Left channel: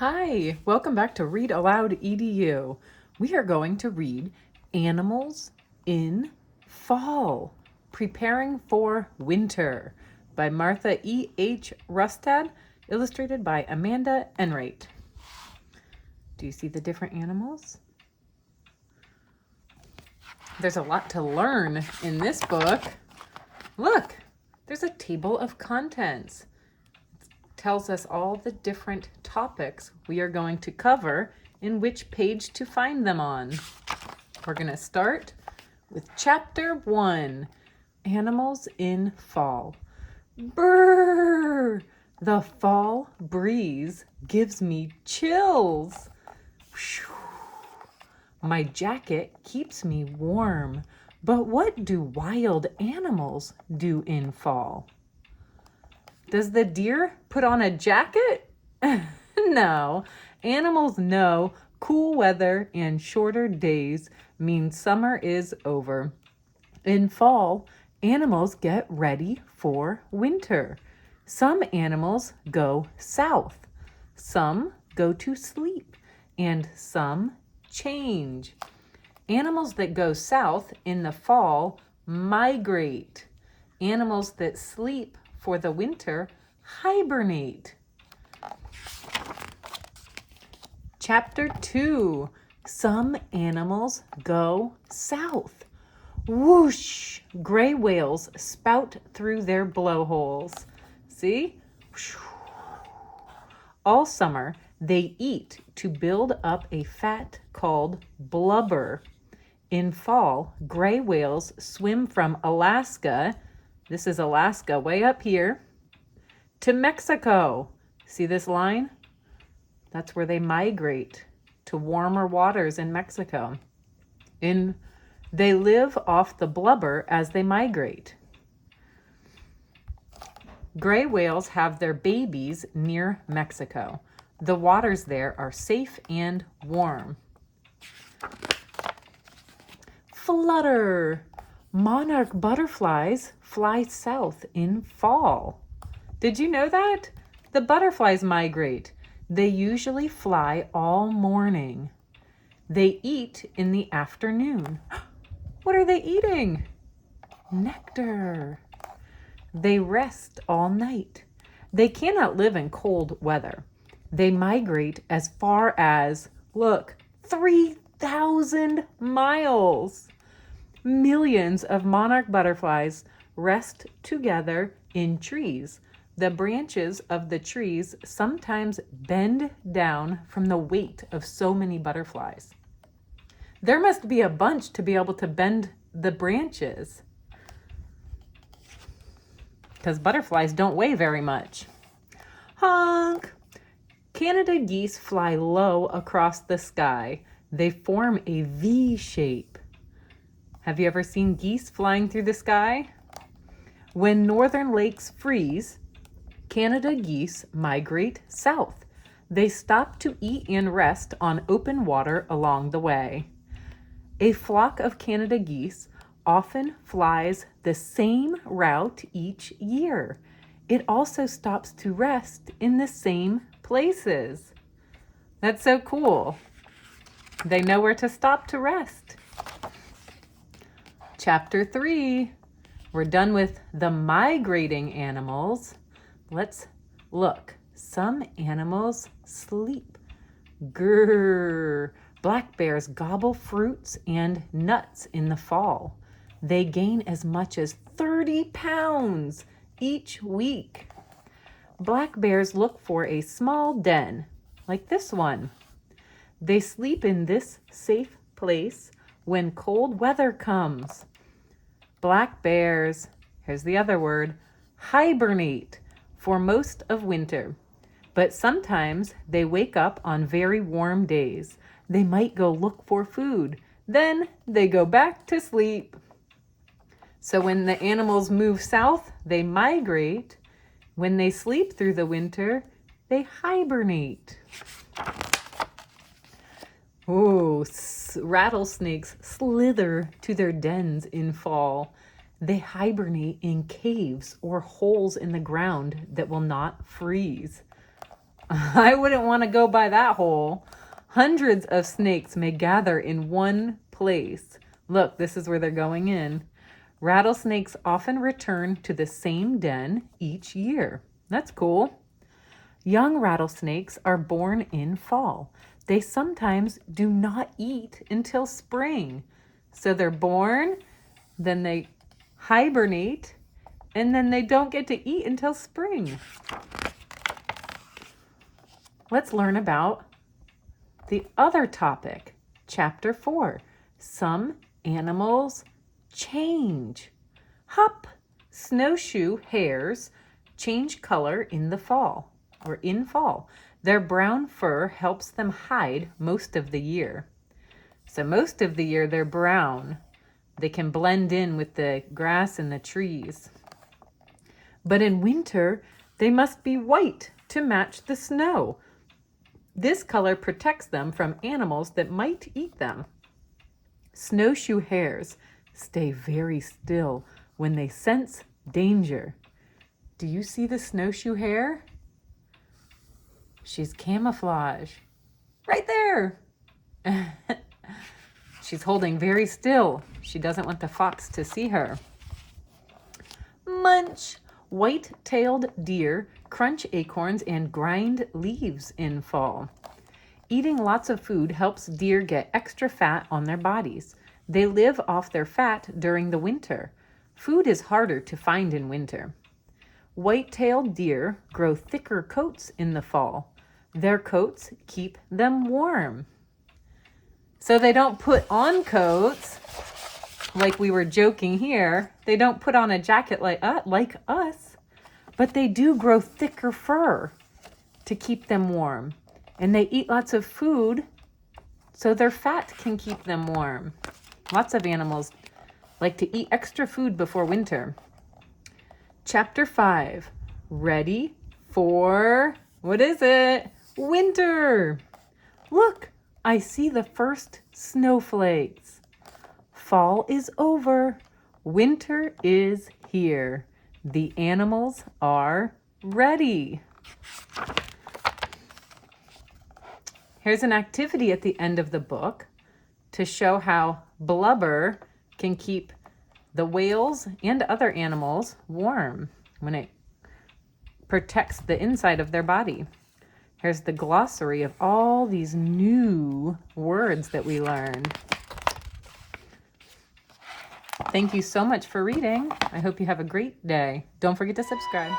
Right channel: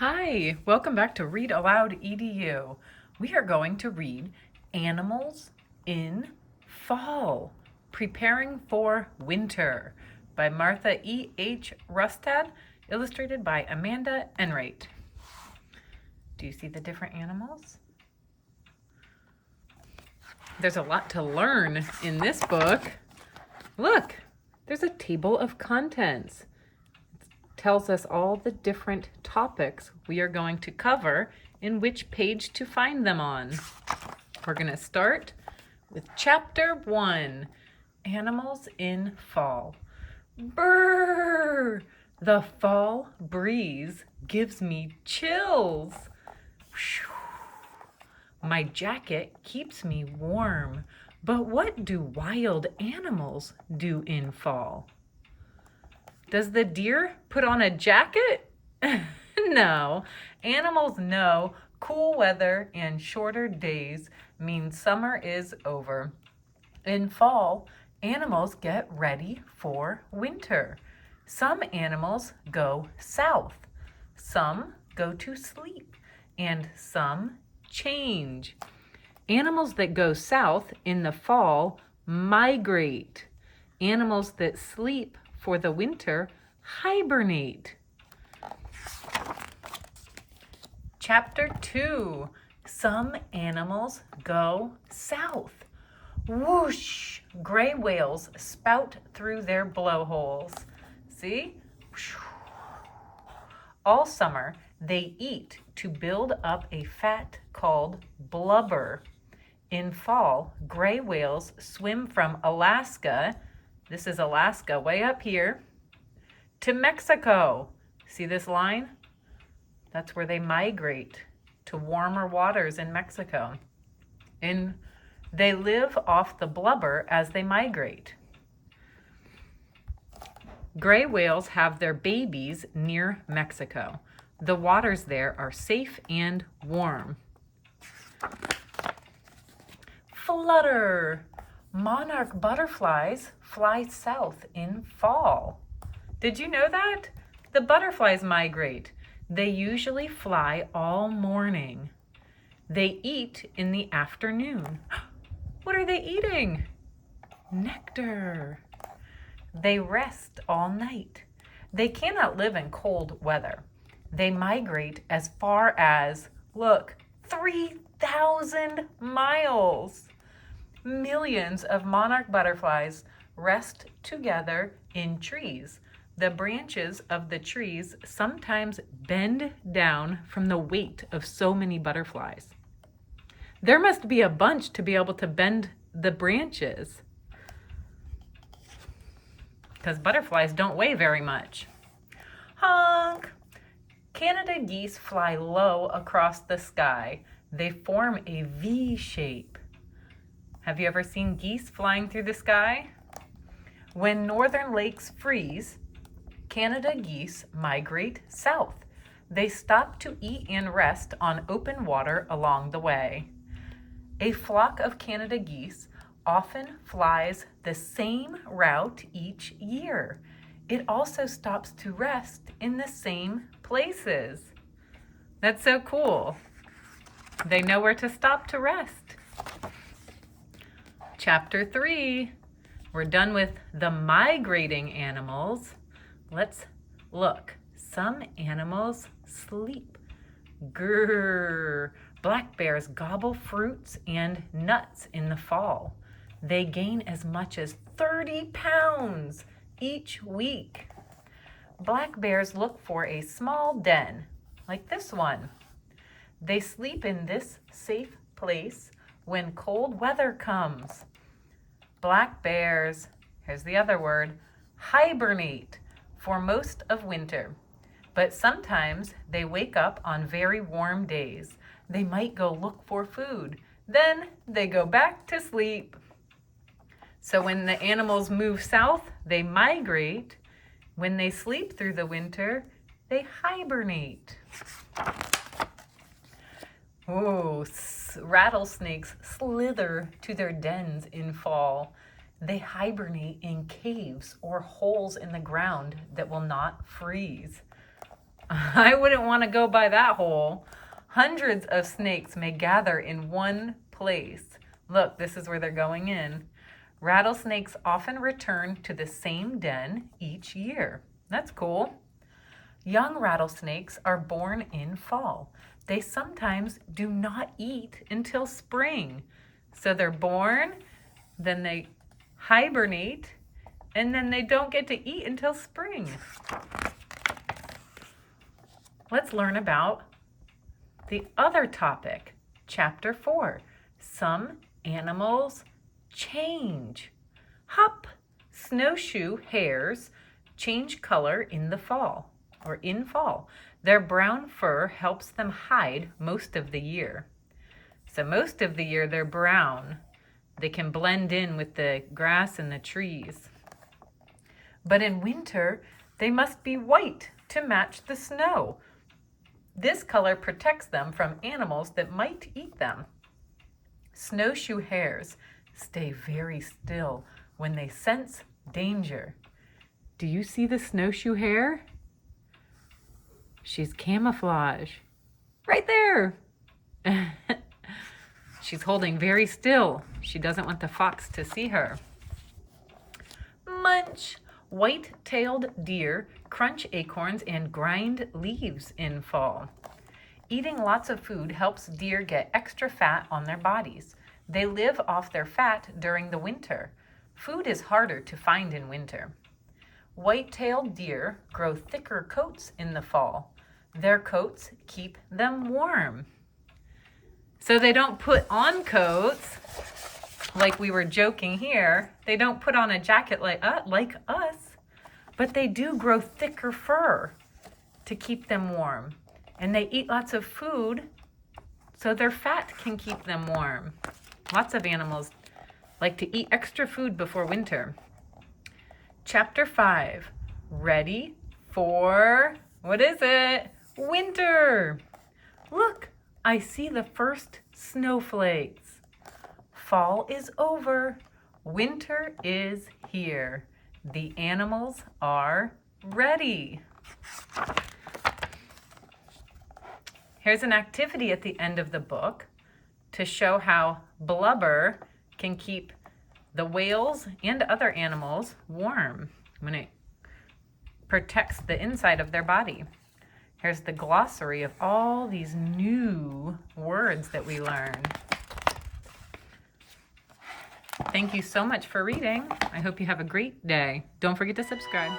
Hi, welcome back to Read Aloud EDU. We are going to read Animals in Fall, Preparing for Winter by Martha E. H. Rustad, illustrated by Amanda Enright. Do you see the different animals? There's a lot to learn in this book. Look, there's a table of contents. Tells us all the different topics we are going to cover and which page to find them on. We're going to start with Chapter 1, Animals in Fall. Brrr! The fall breeze gives me chills. My jacket keeps me warm. But what do wild animals do in fall? Does the deer put on a jacket? No. Animals know cool weather and shorter days mean summer is over. In fall, animals get ready for winter. Some animals go south. Some go to sleep. And some change. Animals that go south in the fall migrate. Animals that sleep for the winter hibernate. Chapter 2, some animals go south. Whoosh! Gray whales spout through their blowholes. See? All summer, they eat to build up a fat called blubber. In fall, gray whales swim from Alaska, this is Alaska way up here, to Mexico. See this line? That's where they migrate to warmer waters in Mexico. They live off the blubber as they migrate. Gray whales have their babies near Mexico. The waters there are safe and warm. Flutter! Monarch butterflies fly south in fall. Did you know that? The butterflies migrate. They usually fly all morning. They eat in the afternoon. What are they eating? Nectar. They rest all night. They cannot live in cold weather. They migrate as far as, look, 3,000 miles. Millions of monarch butterflies rest together in trees. The branches of the trees sometimes bend down from the weight of so many butterflies. There must be a bunch to be able to bend the branches, because butterflies don't weigh very much. Honk! Canada geese fly low across the sky. They form a V shape. Have you ever seen geese flying through the sky? When northern lakes freeze, Canada geese migrate south. They stop to eat and rest on open water along the way. A flock of Canada geese often flies the same route each year. It also stops to rest in the same places. That's so cool. They know where to stop to rest. Chapter 3, we're done with the migrating animals. Let's look. Some animals sleep. Grrr. Black bears gobble fruits and nuts in the fall. They gain as much as 30 pounds each week. Black bears look for a small den, like this one. They sleep in this safe place when cold weather comes. Black bears, here's the other word, hibernate for most of winter. But sometimes they wake up on very warm days. They might go look for food. Then they go back to sleep. So when the animals move south, they migrate. When they sleep through the winter, they hibernate. Oh, rattlesnakes slither to their dens in fall. They hibernate in caves or holes in the ground that will not freeze. I wouldn't want to go by that hole. Hundreds of snakes may gather in one place. Look, this is where they're going in. Rattlesnakes often return to the same den each year. That's cool. Young rattlesnakes are born in fall. They sometimes do not eat until spring. So they're born, then they hibernate, and then they don't get to eat until spring. Let's learn about the other topic, Chapter 4. Some animals change. Hop! Snowshoe hares change color in the fall, or in fall. Their brown fur helps them hide most of the year. So most of the year they're brown. They can blend in with the grass and the trees. But in winter, they must be white to match the snow. This color protects them from animals that might eat them. Snowshoe hares stay very still when they sense danger. Do you see the snowshoe hare? She's camouflage. Right there. She's holding very still. She doesn't want the fox to see her. Munch. White-tailed deer crunch acorns and grind leaves in fall. Eating lots of food helps deer get extra fat on their bodies. They live off their fat during the winter. Food is harder to find in winter. White-tailed deer grow thicker coats in the fall. Their coats keep them warm. So they don't put on coats like we were joking here. They don't put on a jacket like us, but they do grow thicker fur to keep them warm. And they eat lots of food so their fat can keep them warm. Lots of animals like to eat extra food before winter. Chapter 5, ready for, what is it? Winter. Look, I see the first snowflakes. Fall is over. Winter is here. The animals are ready. Here's an activity at the end of the book to show how blubber can keep the whales and other animals warm when it protects the inside of their body. Here's the glossary of all these new words that we learned. Thank you so much for reading. I hope you have a great day. Don't forget to subscribe.